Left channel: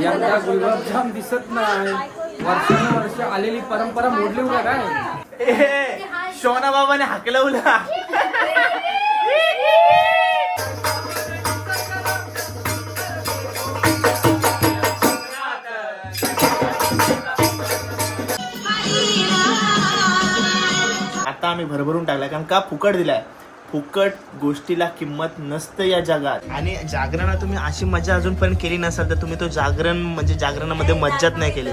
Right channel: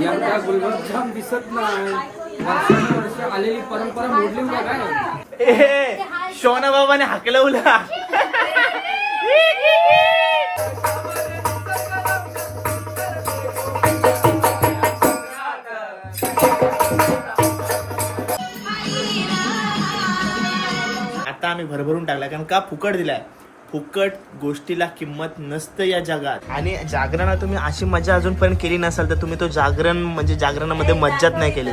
यंदा गुलाबजाम दिसत नाही. वर्षानुवर्ष आलेली परंपरा मोडली का काय? ए शोना बाबाने हाकलवला आता आम्ही भरभरून टाकलाय कारण का फुकट दिलाय? फुकट गोष्टीला किंमत नसतं या जगात. आणि जागरणात तुम्ही अशी मजा अजूनपर्यंत केली नसाल तर तुम्ही तो जागरण म्हणजे जागरणामध्ये मज्जाच नाही केली.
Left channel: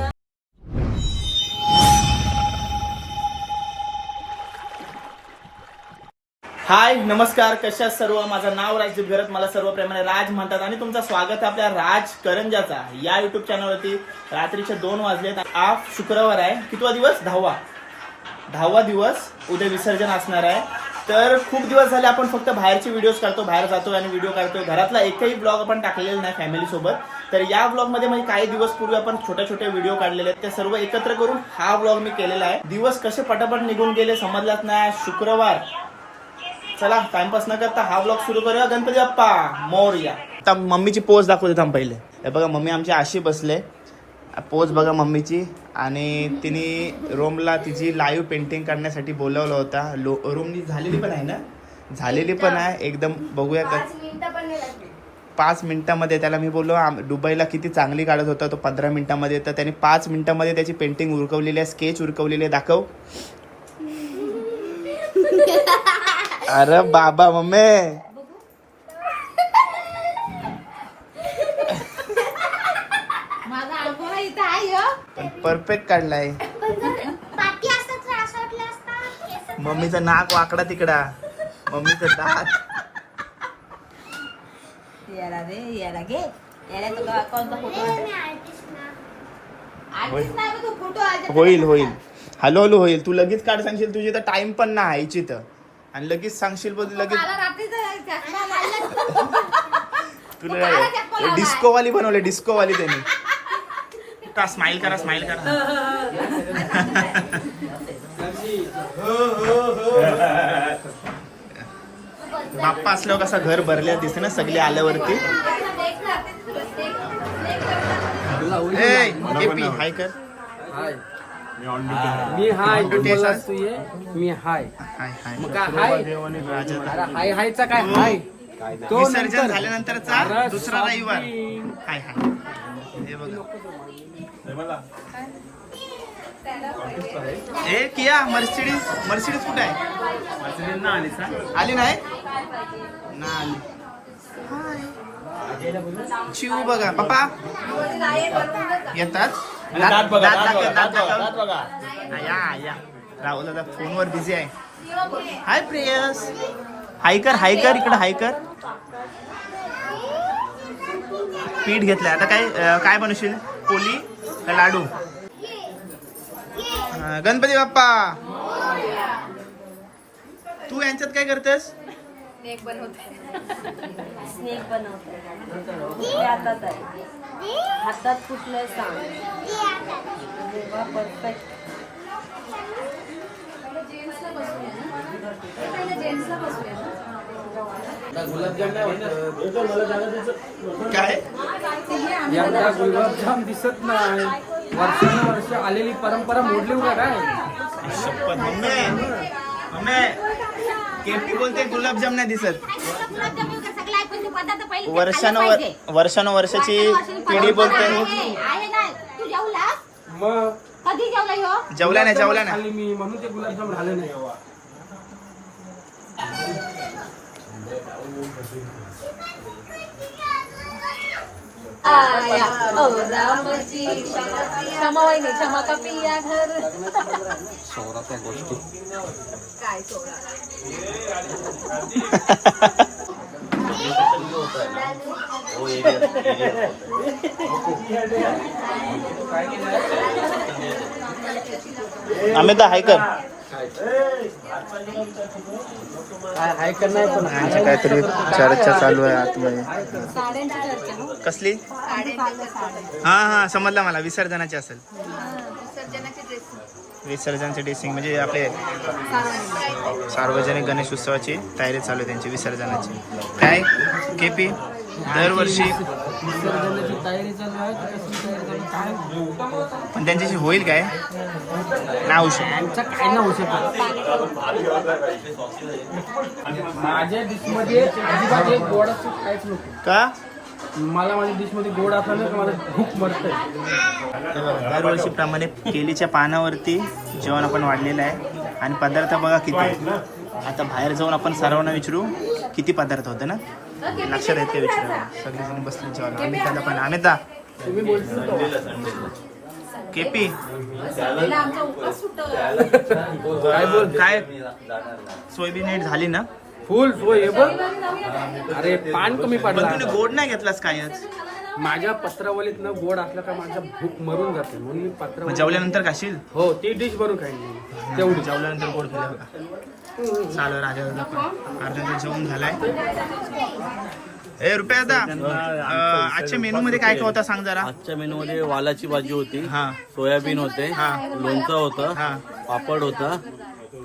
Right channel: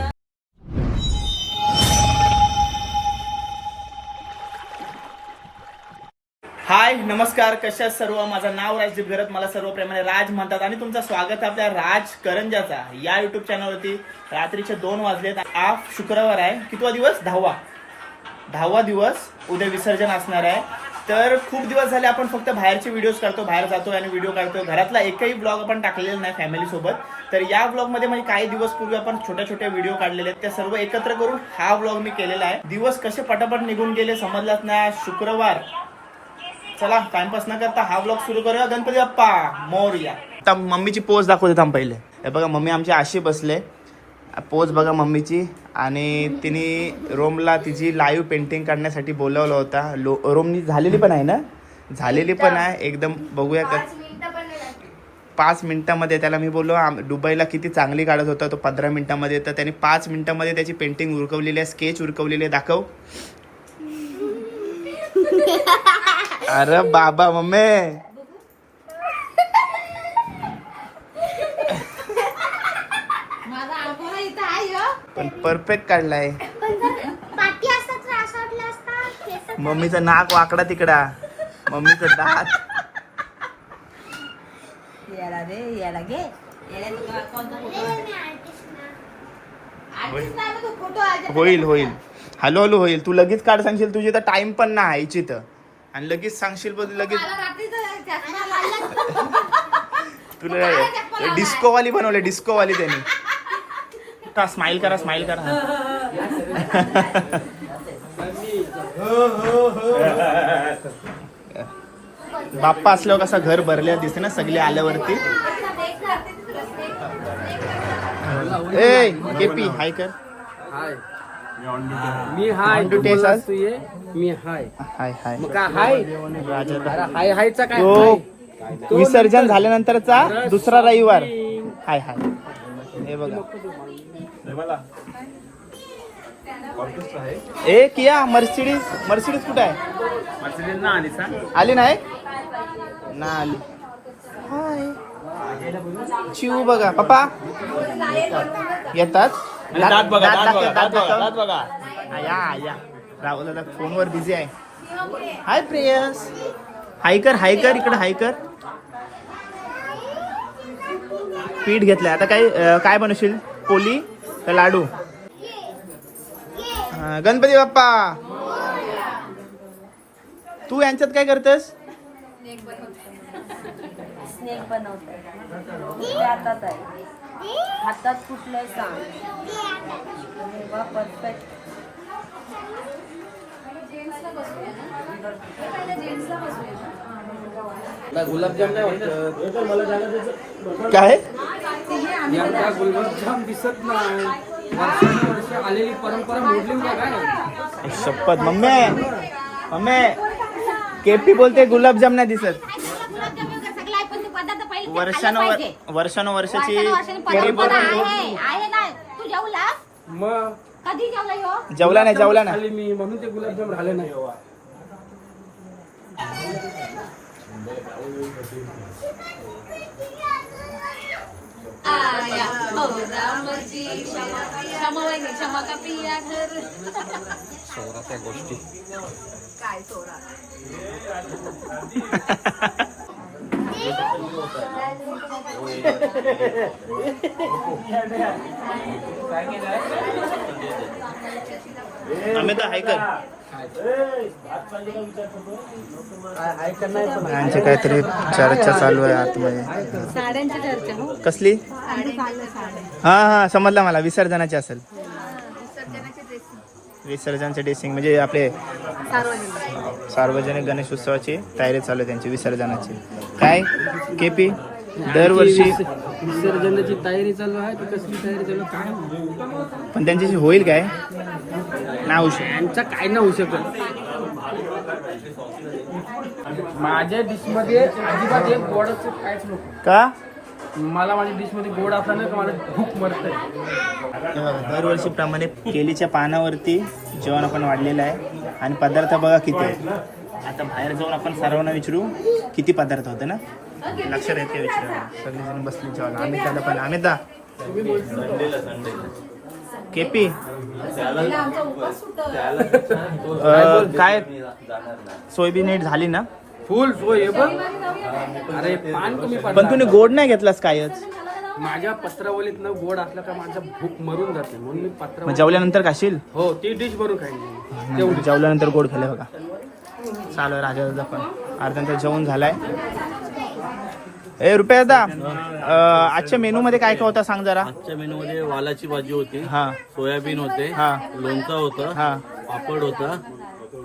हाय नमस्कार कशा सर्व? माझं नाव राजदीप गरत मला सर्व प्रेमाने राज म्हणतात. आणि तुमचं स्वागत आहे आपल्या राज करंजाचा या युट्यूब चॅनलवरती रात्रीचे दोन वाजले हा शुक्रवार आहे. कितवा दिवस? दहावा. दहावा दिवस उद्या विसर्जन असणार आहे. तर खूप दिवस झाले आपण फक्त बाहेरचे व्हिडिओज करतो बाहेर जातो आणि व्हिडिओ काढतो घरातला एकही ब्लॉग आपण टाकलेला नाही फॅमिली सोबत. तर या ब्लॉगमध्ये म्हणजे काही दिवस पूर्वी आपण छोट्या छोटे व्हिडिओ काढलेले आहेत. ते सर्व एकत्र करून हा ब्लॉग मी केलेला आहे. दिवस कसे पटापट निघून गेले समजलाच ना शुक्रवार. चला टाइमपास न करता हा ब्लॉग सुरू करूया. गणपती बाप्पा मोरया. आता मम्मीची पोज दाखवते थांब पहिले. हे बघा मम्मी आमची अशी बसले. पोज बघा मम्मीची. आणि तिने रोमला तिची लाईव्ह पेंटिंग काढण्यासाठी बोलवलं होता. लो रोमनी झालेली पण आहे ना? झालेली पण आहे. एकदम बघूया का पाच मिनिटामध्ये त्याला मी बोललो आम- दुबईला किती चांगली काढत होता तो पंधरा मिनिटामध्ये. तर त्याने पाच मिनिटामध्ये त्याची पेंटिंग उरकवलेली आहे स्केच उरकवलेली आहे. दाखव. अरे बाबा मम्मी माझा अनुभव इथं आहे हो. पण परफेक्ट काढलाय. मम्मीचं नाक वाकडा तिकडा. मम्मीचं दात. याला रे याला आहे? होईल. होईल हॅलो हॅलो होईल. तू लगेच काढ सांगशील तुझी तर टाइम पण नाही यायची तर. आणि लगेच सांगशील पण लगेच तुला डिस्को वाली बनवले डिस्को वाली त्यांनी स्माइल करा स्माइल करा. बाप्पा असल्यावर कसा घर भरल्या दिसते ना सगळे आल्यावरती. ए केपी हाय कर. हाय मी हाय मी हाय हाय हाय मग हाय हाय हायचा काय? तो विसर्जन नंतर. झाल्यानंतरचा दुसरा रविवार. हाय हाय हे बघा. ए किया मर्सिडीज मर्सिडीज कुठे आहे? आली नाही? ना आली. चिव बघा. पप्पा? येतात? दात दात दाखव दात दाखव. हा, या या. राहुल दादा फोनवर बिझी आहे. हाय प्रेयस. हाय कर हाय कर इकडे हाय कर पीठ घेतलंय. आता काय काय बनवशील? पोली? का लाडू? हा, गणपती बाप्पा. तू यांच्यात काय करतेस? स्नेक बनवत. कुठल्या हातात आहे. हातात कुठलं सांग. परफेक्ट गुलाबजाम नाही होत. काय? यंदा गुलाबजाम दिसत नाही. वर्षानुवर्ष आलेली परंपरा मोडली का काय? शपथ. मम्मी मम्मी केपी बोलते गुलाबजाम नाही दिसत. वर्षानुवर वर्षानुवर्षाची पिढी बोलते. जेवला नाही जेवला नाही. मी म्हणून ते गुलाबजाम झाले नाही आया. ओ रामाची क्षमा क्षमा वहिनी क्षमा का पिया घर सोळा त्या गोष्टी. काय आम्ही तर हाय कर. का चर्चा चालू आहे आतमध्ये. हो कसली? हा हा समजला मला. विसर्जनाची असेल. विसर्जनाचे ड्रेसिंग म्हणजे आपले सार्वजनिक गणेश उत्सवाची तयारी चालू आहे त्यांची विसर्जनाची. काय? केपी दरवर्षी. विस- विसर्जनाची तयारी चालू आहे की. पण त्यांच्याशी होईल काय? नाही होऊ शकत. काय नाही होऊ शकत. माझ्या डिशमध्ये अजिबात एक गोडाचं काहीच नको. का? मला माझ्या डिशमध्ये गोड असला भूक दरवर्षीप्रमाणे केलीच्या पानावरती जेवण आपण वाढलेलं आहे. आणि पदार्थ बघा किती आहे आता बाहेर जाऊन आपण सर्वांना विचारू किती पदार्थ होते ना? लक्षात येते विचारायला. सगळेजण बसले जेवायला. आम्ही त्याला पण आम्ही दा केपी? काय बोल? काय? सोयाबीन नीट झाली ना? फुल सोय हे बघ. अरे पान कमी पण तुम्ही गोड नाही घेतलास कायच माझ्या पत्रावलीत न गोड असलं का माझा भूक मरून जाते. म्हणून मी पत्रावली जेवल्यानंतर खाशील? हो ती डिश बनवून खाईन मी. तेवढी जेवल्यानंतर गोड खाल्लं बघा. चालू राजा पण. अर्धा तास जेवण झालाय. ए रुपया अं, आजच्या मेनू मध्ये काय काय होता सांग जरा. आजच्या मेनू मध्ये वालाची भाजी होती हा. सोयाबीन होते हा. लोणचं होतं हा. पापड होता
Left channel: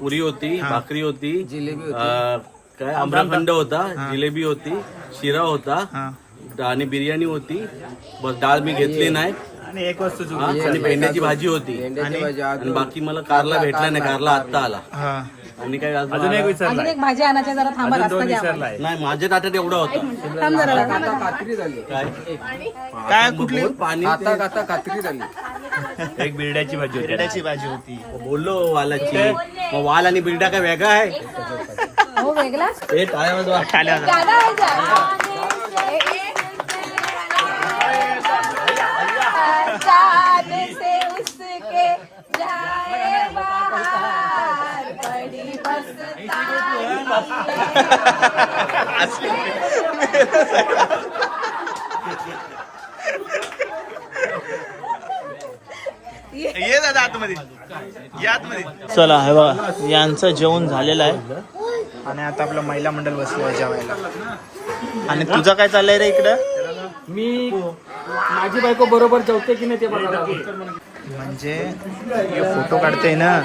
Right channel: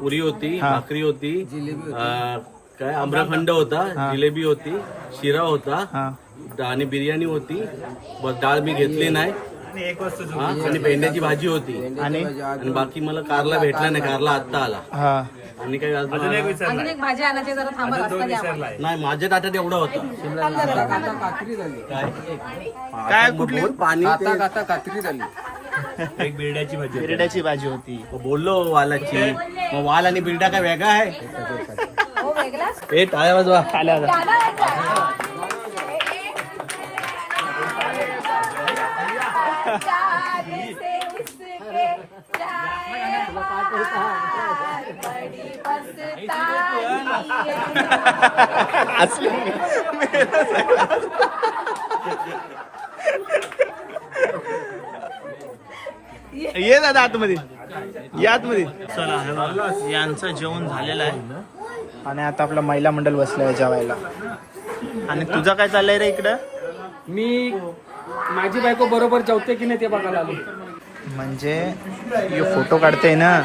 पुरी होती हा. भाकरी होती अं, काय आम्रखंड होता. जिलेबी होती शिरा होता हा. आणि बिर्याणी होती. बस डाळ मी घेतली नाही. हा, आणि भेंड्याची भाजी होती. आणि? आणि बाकी मला कारला भेटला नाही कारला आत्ता आला. हा. आणि काय अजून आला? अजून एक भाजी आणायची जरा थांबा. नाही माझ्या ताटात एवढा होता. काय? काय कुठली? पाणी ते- एक बिरड्याची भाजी बिरड्याची भाजी होती. बोललो वालाची. मग वाल आणि बिरडा काय वेगळा आहे? हो? हे टाळ्या वाजवा. टाळ्या वाजवा. ये दादा आतमध्ये. या आतमध्ये. चला हे बघा यांचं जेवण झालेलं आहे. आणि आता आपलं महिला मंडळ बसलंय जेवायला. आणि तुझं काय चाललंय रे इकडं? मी माझी बायको बरोबर जेवते की नाही ते बघायला आलो म्हणजे फोटो काढतोय ना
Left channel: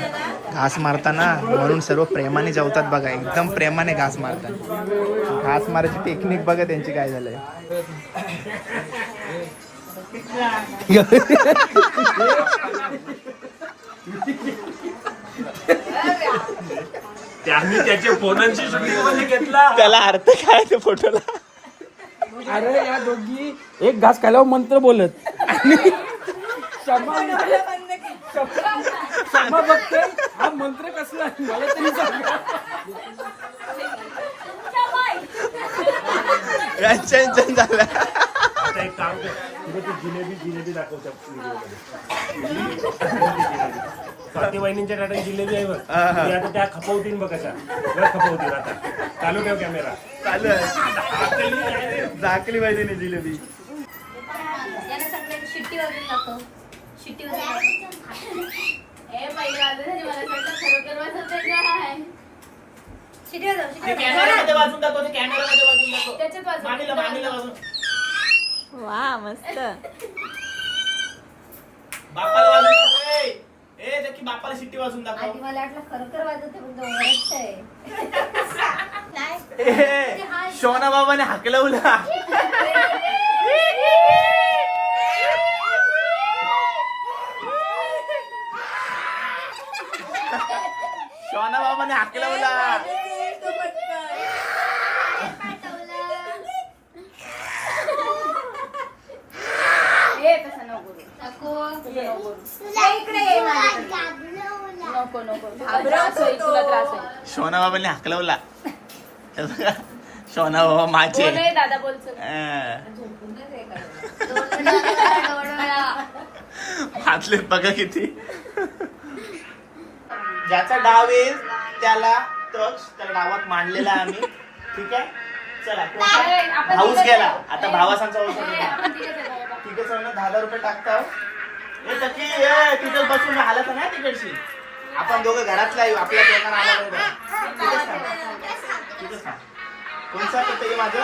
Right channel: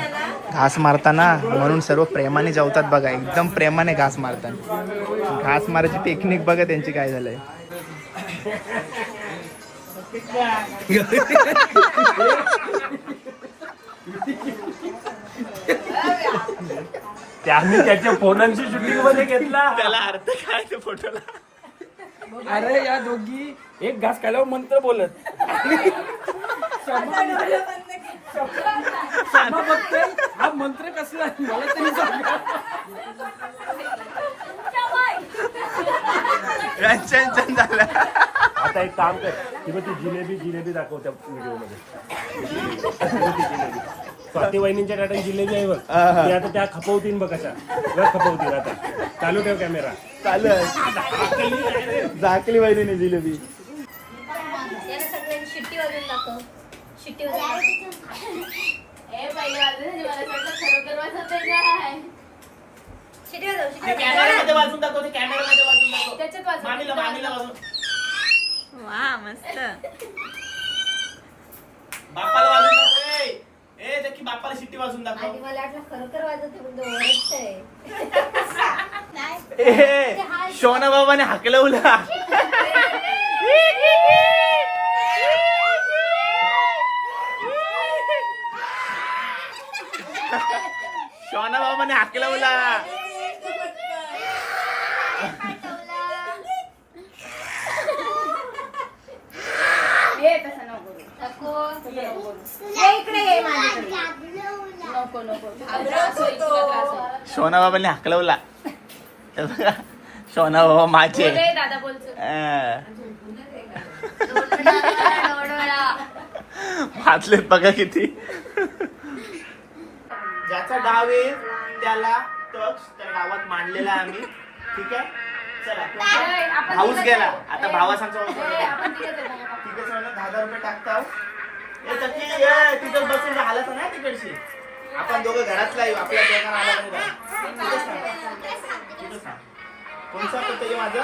घास मारताना म्हणून सर्व प्रेमाने जेवतात बघा एकदम प्रेमाने घास मारतात. घास मारायची टेक्निक बघा त्यांची काय झालंय. त्यांनी त्याच्या फोनांची शूटिंगमध्ये घेतला. त्याला अर्थ काय ते फोटोला? अरे या दोघी एक घास खाल्यावर मंत्र बोलत. क्षमा बघते. हा मंत्र कसला? मला तरी सांगा. झालं. आता एक काम कर. तुला ती जिलेबी जिलेबी दाखव त्या व्हिडिओमध्ये स्वाती वहिनींच्या टाटा जिलेबी आहे बघ. हा, हा. ती आता त्या खपवतीन बघ कशा बघ खपवतीन आता. चालू ठेव कॅमेरा चालू झाकली नाही जिलेबी याला सगळ्यांनी शिट्टी वाजून दाखव शिट्टी वाजून ए पहिली वाजत मला वाटतं खरोखर वाजत काय शिट्टी वाजव शिट्टी वाजून दाखव कॅमेरामध्ये वाजून दाखव त्याच्यात वाजत मामीला मामीला वा मस्त. बापाला वाजून दाखव ए, ए देखी बापाला शिट्टी वाजून दाखव आधी मला वाटलं खरोखर वाजवते पण ओरडत आहे नाही. ए, शोना बाबाने हाकलवला. शोना बाबाने हाकलवला ए तसं नको करू. इकडे ये माझ्याकडे. नको नको त्रास होईल तुला त्रास होईल शोना बाबाने हाकलवला शोना बाबा माझे बोल. वाचलेत बघा किती. ज्याचा डाव येईल त्याला टच त्या डावात मांडलेला आहे आम्ही. ठीक आहे? चला. ए, आपण भाऊच गेला. आता भावासांचा. तिघं जण दहा दहा रुपये तकी ए, तिथं बसून हालत नाही तिकडची. आपण दोघं घरातला येऊ आपल्या दोघांना आला. कोणचा पत्ता आहे माझं?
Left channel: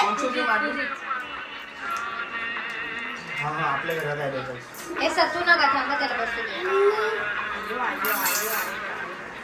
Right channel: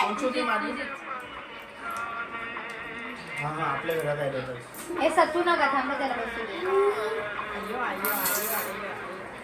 कोणची होती माझी? हा हा आपल्या घरात आहे. हे सतू नका थांबा बसू.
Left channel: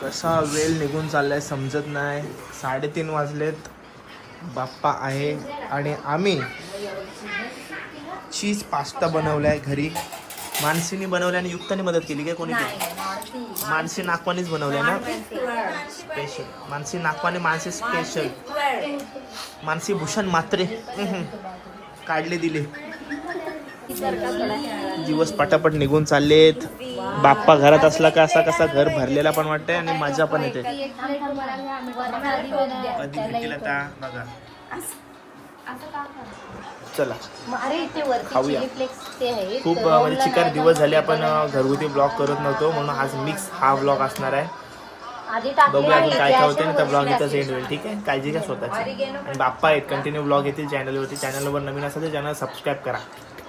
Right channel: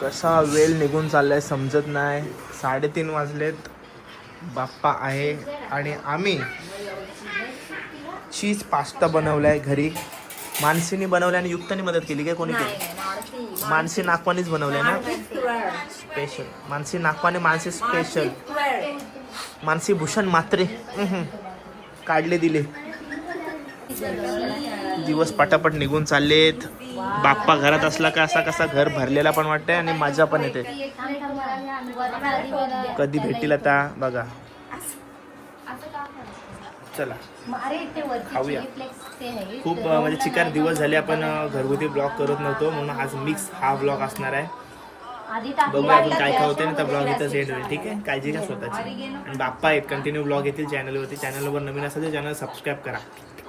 कसा वेळ निघून चाललाय समजत नाही. साडेतीन वाजलेत. बाप्पा आहे. आणि आम्ही चीज पास्ता बनवलाय घरी. मानसीने बनवलाय आणि युक्ताने मदत केली काय कोणी केली? मानसी नागवानीच बनवलाय ना? स्पेशल मानसी नागवाने मानसी स्पेशल मानसी भूषण मात्रे काढले दिले. दिवस पटापट निघून चाललेत. बाप्पा घरात असला का असा कसा घर भरलेला पण वाटतंय आणि मजा पण येते. कधी भेटील आता? बघा. चला. खाऊया. खूप म्हणजे चिकार दिवस झाले आपण घरगुती ब्लॉग करत नव्हतो म्हणून आज मिक्स हा ब्लॉग असणार आहे. बघूया अजून काय काय होते ना तर ब्लॉग इथं एंड होईल ठीक आहे? काळजी घ्या स्वतःची. आणि बाप्पा आहेत कंटिन्यू ब्लॉग येतील चॅनलवरती चॅनलवर नवीन असेल तर चॅनल सबस्क्राईब करा.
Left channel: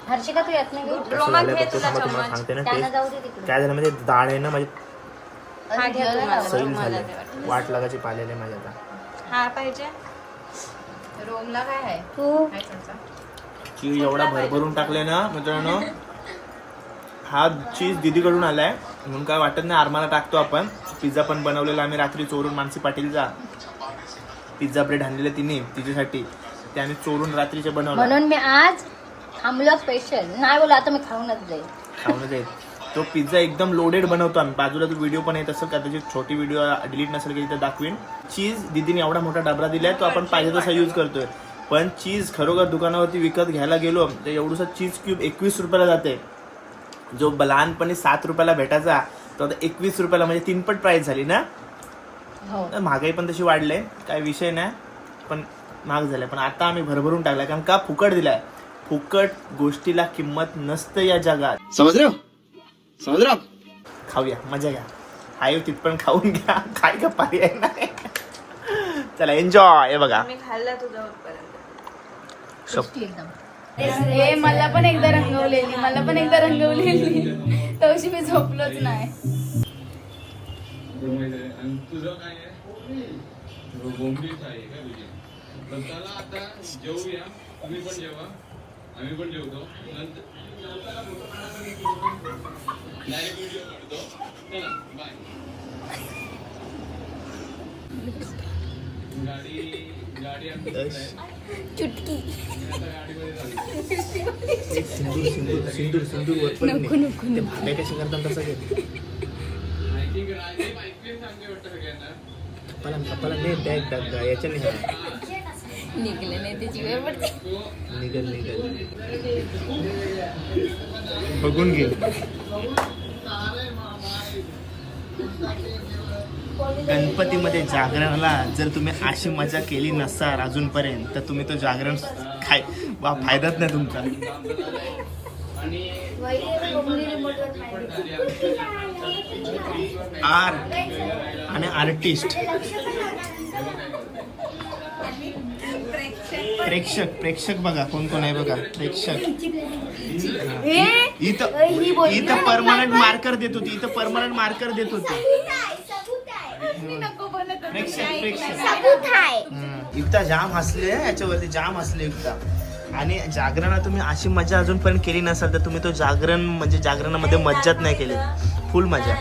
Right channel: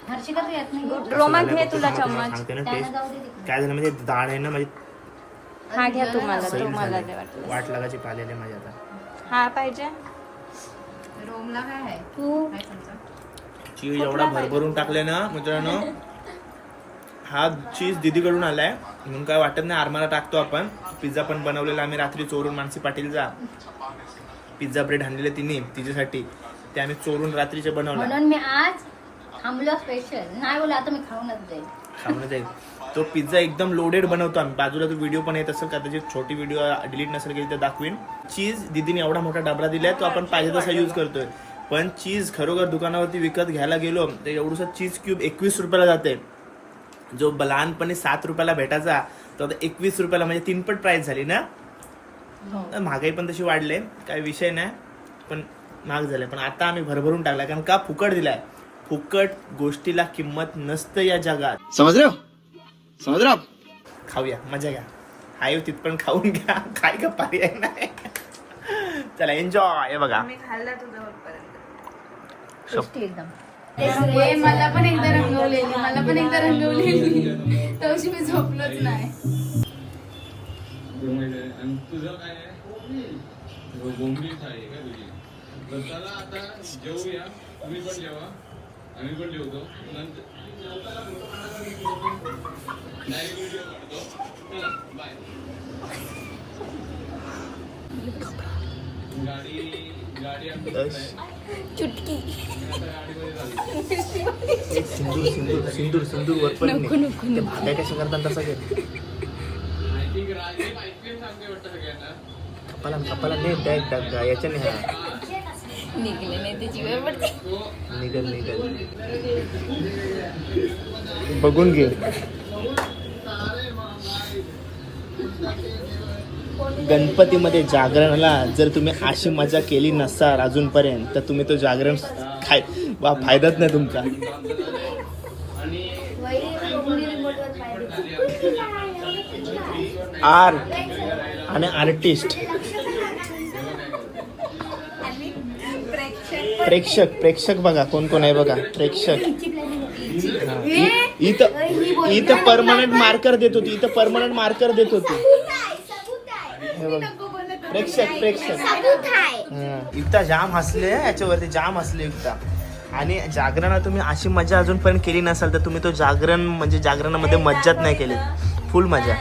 हर्षिका तू येत नाही गं? कसं झालं बघतो थांबा तुम्हाला सांगते ना टेस्ट काय झालं म्हणजे डाळ आहे ना माझी सैल झाले. वाट लागायची पाहिलेले माझ्या आता. हा पाहिजे. रोमला काय आहे? तू? चीज एवढा भरभरून टाकले ना मित्रांनो. हा चीज दिदीकडून आलाय. म्हणून काय वाटत नाही आरमाला टाकतो आपण. पिझ्झा पण बनवलेला आम्ही रात्री चोरून. मानसी पाटीलचा पिझ्झा ब्रेड आणलेला तिने तिच्यासाठी. ते आम्ही चोरून रात्रीचे बनवला. म्हणून मी आज थांबलो स्पेशल नाही बोला आता मी खाऊनच जाईल. खाऊन जाईल. तो पिझ्झा एकदम लोडेड बनवतो आम्ही. बाजूला तो व्हिडिओ पण येत असेल कदाचित छोटी व्हिडिओ डिलीट नसेल की तिथे दाखवीन. चीज दिदीने एवढा मोठा डबरा दिलाय तो आपण पाहिजे तसा यूज करतोय. पण चीज खरोखर दुकानावरती विकत घ्यायला गेलो तर एवढंसं चीज क्यूब एकवीस रुपयाला जाते. जो लहानपणी सात रुपयाला भेटायचा तो आता एकवीस रुपयाला म्हणजे तीनपट प्राइस झाली ना? तर महागाई पण तशी वाढले काय विषय नाही पण महाग झाले. पण आता आम्ही भरभरून टाकला कारण का? फुकट दिलाय. फुकट गोष्टीला किंमत नसतं या जगात. समझ रहे हो? समझ रहे हो आप? खाऊया मजा घ्या. हाय तिथपण खाऊन घ्या. काय का पर्याय नाही चला एन्जॉय हे बघा. मी खाल्ला तुझ्यावर टेस्टी एकदम. हे मला पण एकदा रंगवलेली मला पण एकदा रंगवलेली. तवशी मी झोपलोच नाही. तुझं काय आहे? बोंबलीच आहे काय तुझी तर चला आता जेवूया तुम्ही पण जेवा आम्ही पण जेवतो. नंतर डायरेक्ट व्हिडिओ काढतो. चला बाय. गाडी गाडी आमची आहे. चुटकी. आता गाडीमध्ये चालू सिंदूर सिंदूर सिंदूर सिंदूर वर पण नाही. ते भाड्या कसं करतात तसं घे. आय थिंक राजीव ऐकले सांगते वाटतं सगळ्यांना. कपाला कपाला नाही बॅग बॅग याच्याने हा निघले नाही त्याची वेळ पडते. निघल निघल. बघून घे. गणपतीमध्ये जागरणला जर तुम्ही अशी मजा केली नसाल अजूनपर्यंत तर तुम्ही तो जागरण खाय वा फायदाच नाही तुमचा. आर्ट. आणि आर्टिस्ट. प्रेक्षक प्रेक्षक बघा कोण कोण आहे बघा. प्रेक्षक. इथं इथं परमनंट मार्कर देत होती इथं परमनंट मार्कर देत होती. प्रेक्षक प्रेक्षक. इथं जाम हसले याच्यावरती जाम हसले इथं. आणि जागरणात तुम्ही अशी मजा अजूनपर्यंत केली नसाल तर तुम्ही तो जागरण म्हणजे जागरणामध्ये मज्जाच नाही केली. फुल मजा.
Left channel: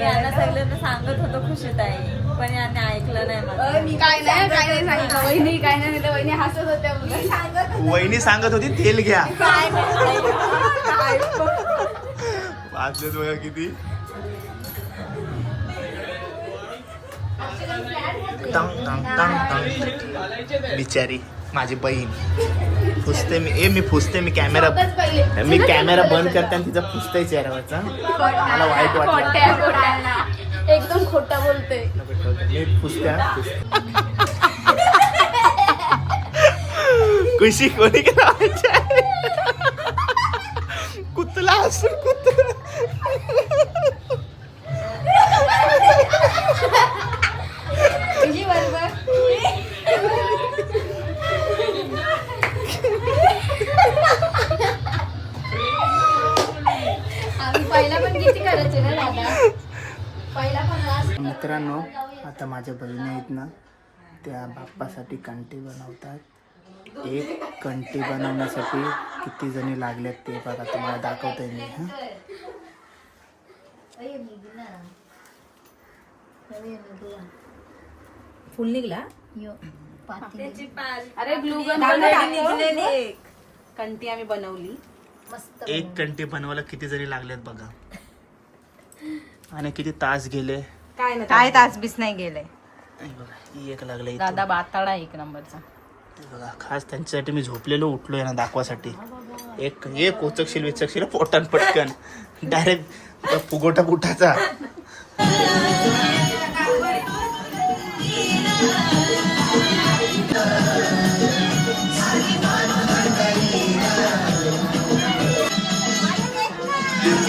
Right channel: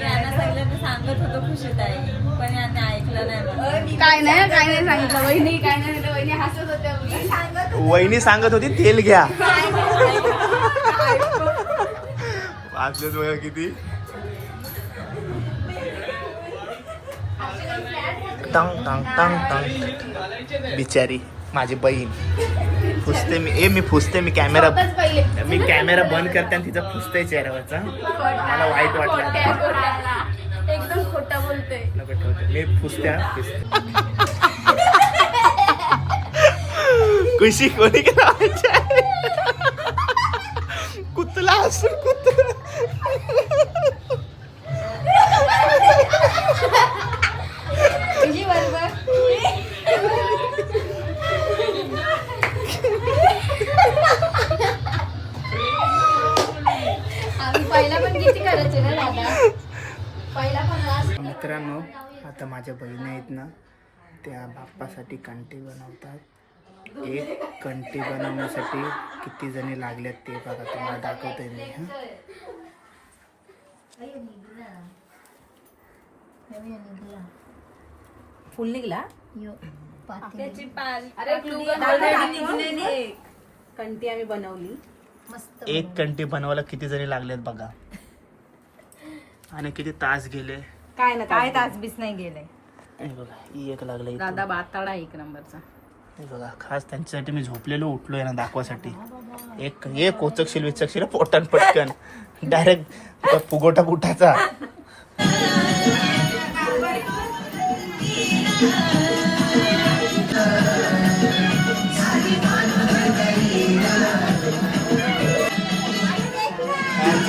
यांना सांगितलं तर सांगत होतो खुशीत आहे पण यांनी ऐकलं नाही मला. काय नाही काय नाही सांगितलं. वहिनी काय नाही तर वहिनी हसत होत्या मुली. वहिनी सांगत होती तेल घ्या. वाचले बघा किती. टंग टंग टंग टंग. बिचारी माझी बहीण. फुसते मी ए मी फुसते मी कॅमेरा मी कॅमेरा बंद करते आणि तिचा फुसते चेहऱ्यावरचा. मला वाईट वाटलं. एकदम खोटा ठेवते मी फुसते फुसते. खुशी कोणी केला कुतला असून कुतला तुझी बरोबर आम्ही पहिला पण किती करायचे ना दादा पहिला पण लास्ट मित्रांनो आता माझ्या बहिणी आहेत ना त्या बाप्पासाठी कंटी बनवतात. एक कंटी बनवण्यासाठी किती जणी लागल्यात ते बघा तुम्हाला दाखवतोय मी हां. फुल निघला. अरे कंटी आम्ही बनवली. एक कंटी बनवायला किती जणी लागल्यात बघा. आणि किती तास गेले. काय ना काय तासबीस नाही गेले. हे बघा एक लागले दादा बाताडा एक नंबरचा. बघा खास त्यांच्यासाठी मी झोपलेलो उठलोय ना दाखवासाठी. एक एक कोचकशील विचकशील पोटान पटकन. डायरेक्ट फुगोटा बुटाचा.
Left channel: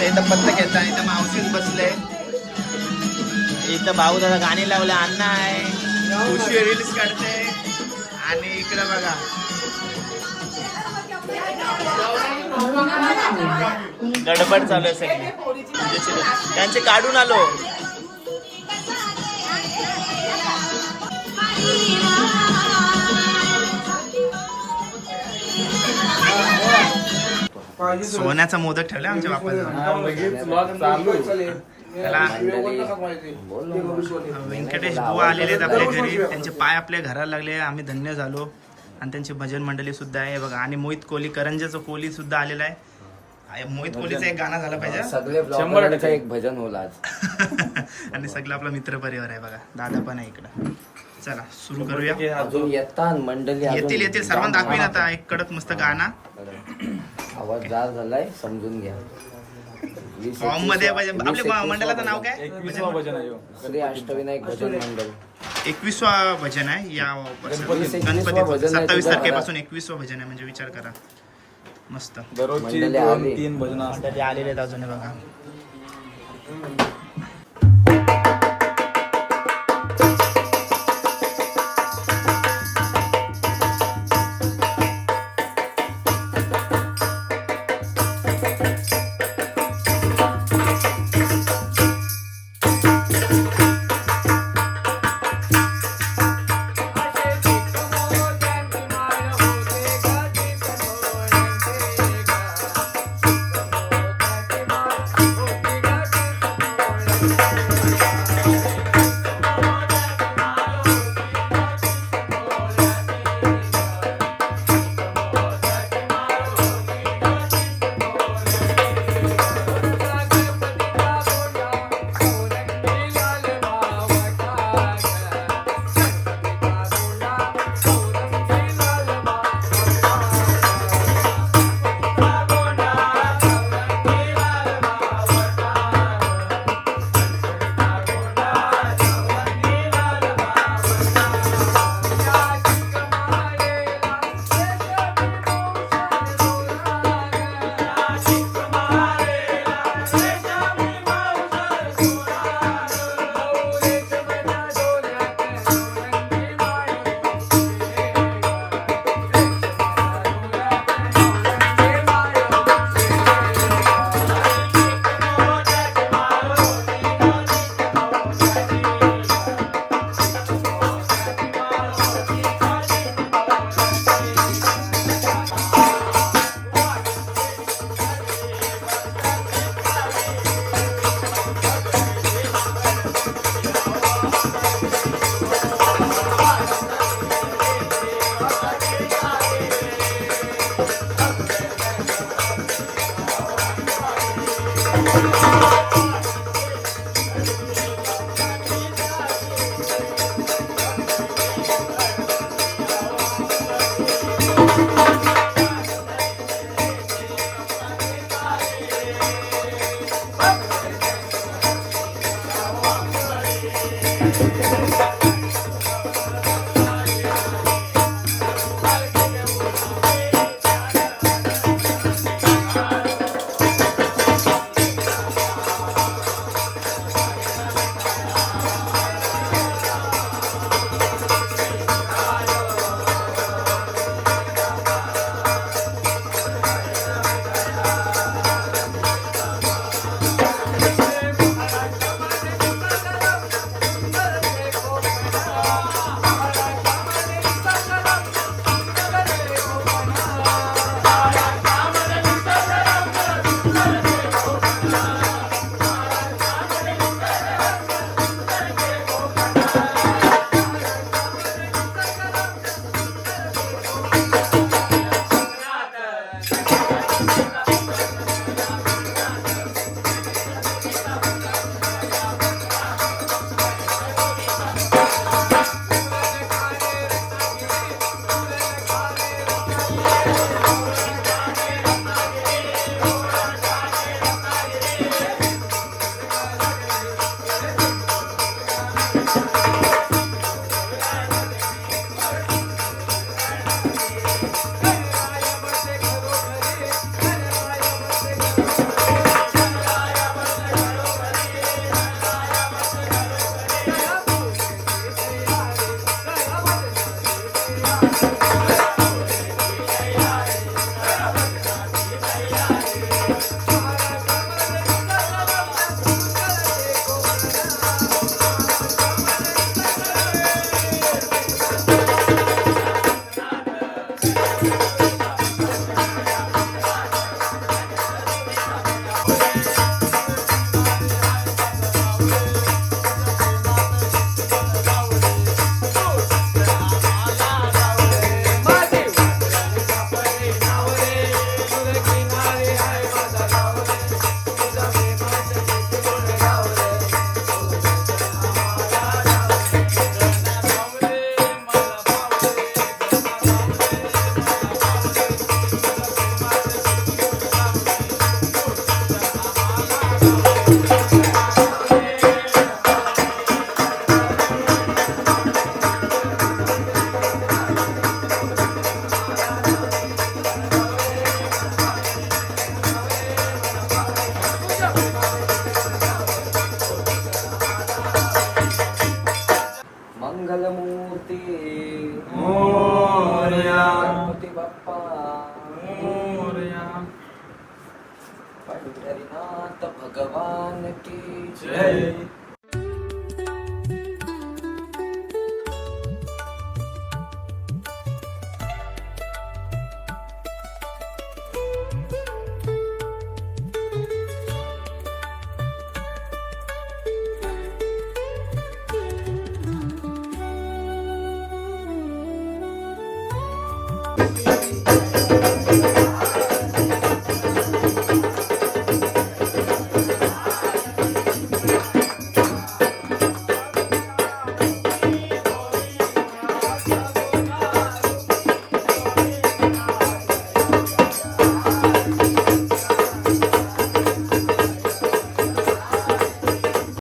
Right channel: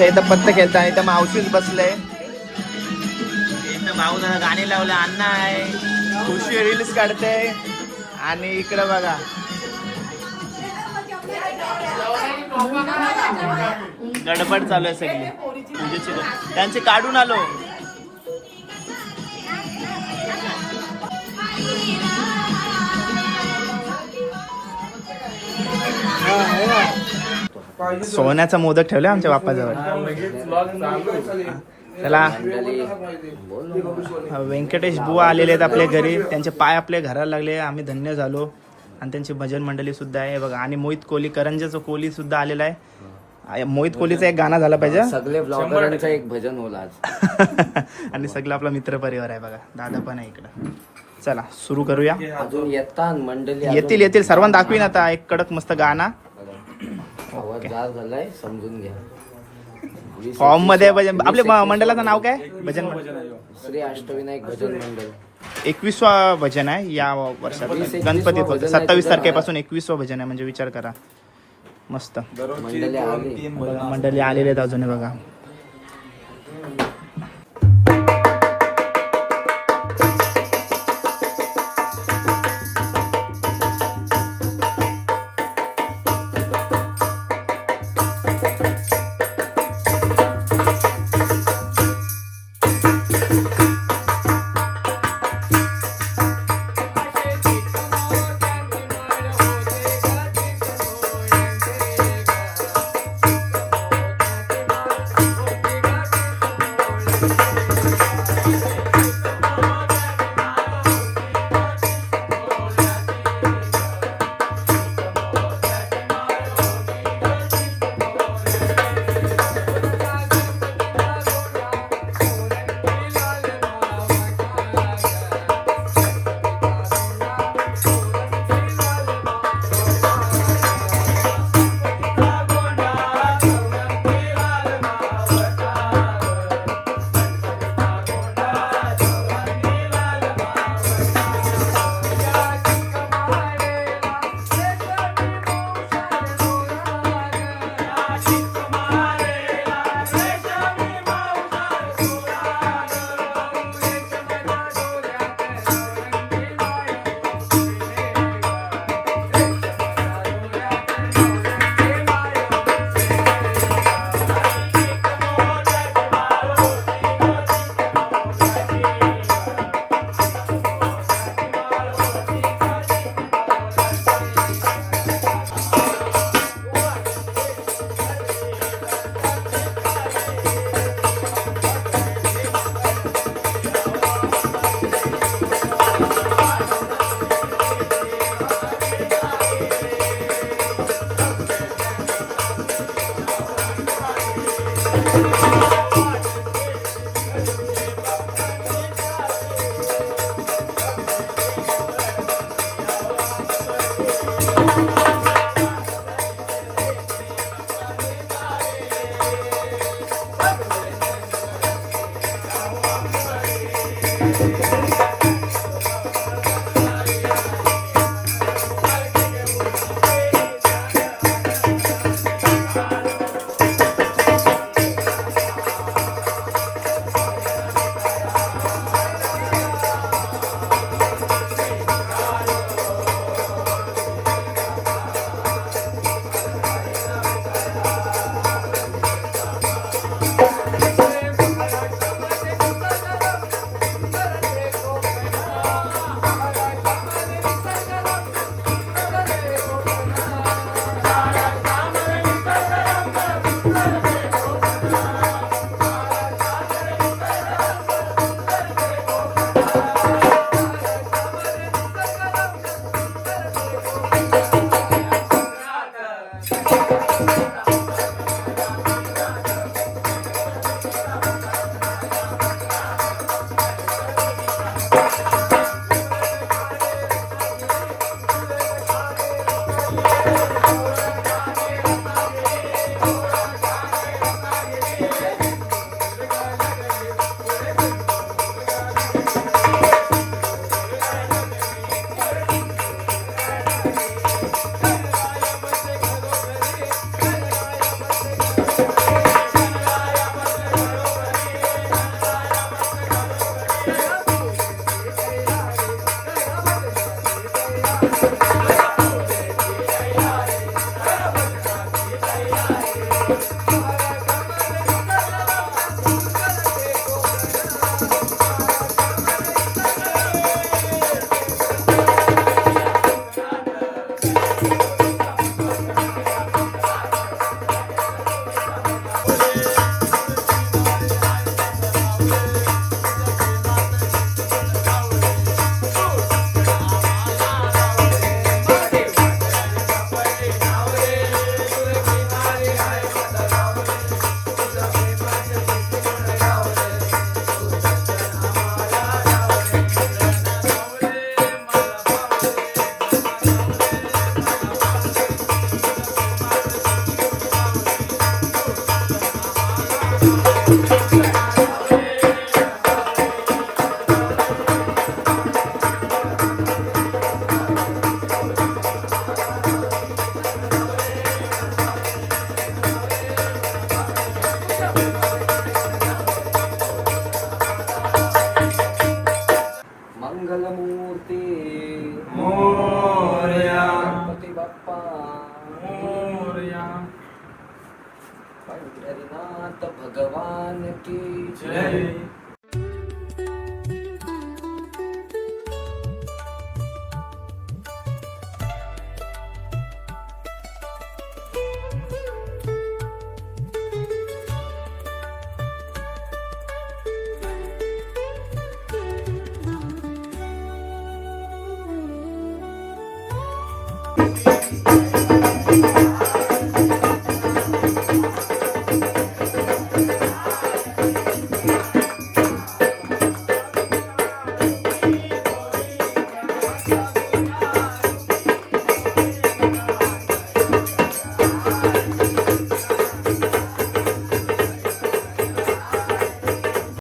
इथं फक्त घेता इथं मावशीच बसलंय. इथं भाऊ दादा गाणी लावले अण्णा आहे. खुशी रील्स काढते. आणि इकडं बघा. गडबड चालू आहे सगळी. पूजेची त्यांचे काढून आलो. सोन्याचा मोदक ठेवला आमच्या बाप्पाजवळ त्याला व्यंकटेश बुवा आलेले आहेत आपल्या घरी. त्यांचे पाय आपल्या घराला लागले. आम्ही धन्य झालो. आणि त्यांची भजन मंडळी सुद्धा आहे. बघा आणि मोहित कोहली करंजाचं कोहली सुद्धा आलेला आहे. मोहित कोहलीचा एक गाणं झालं पाहिजे. सगळे एक भजन होईल आज. आणि सगळं आपला मित्र परिवार आहे बघा. दादा पण आहे इकडं. चला सुरू करूया. अजून येतात मंडळी येतील येतील. सर्वांना दाखवीन आता एक कडक मस्त गाणं. आवाज झालाय समजून घ्या. फॉर्ममध्ये भजन आपल्या मंडळाचं नाव काय? भजन? श्री अष्टविनायक भजन मंडळ. एकवीसवा भजन आहे या वर्षात. वीस एकवीसवा गणपती भजन आहे सत्तावीस तारखेपासून एकवीसवा भजन आहे म्हणजे विचार करा. मस्त. मंडळी आली. मंडळी आलेले आहेत अजून बघा.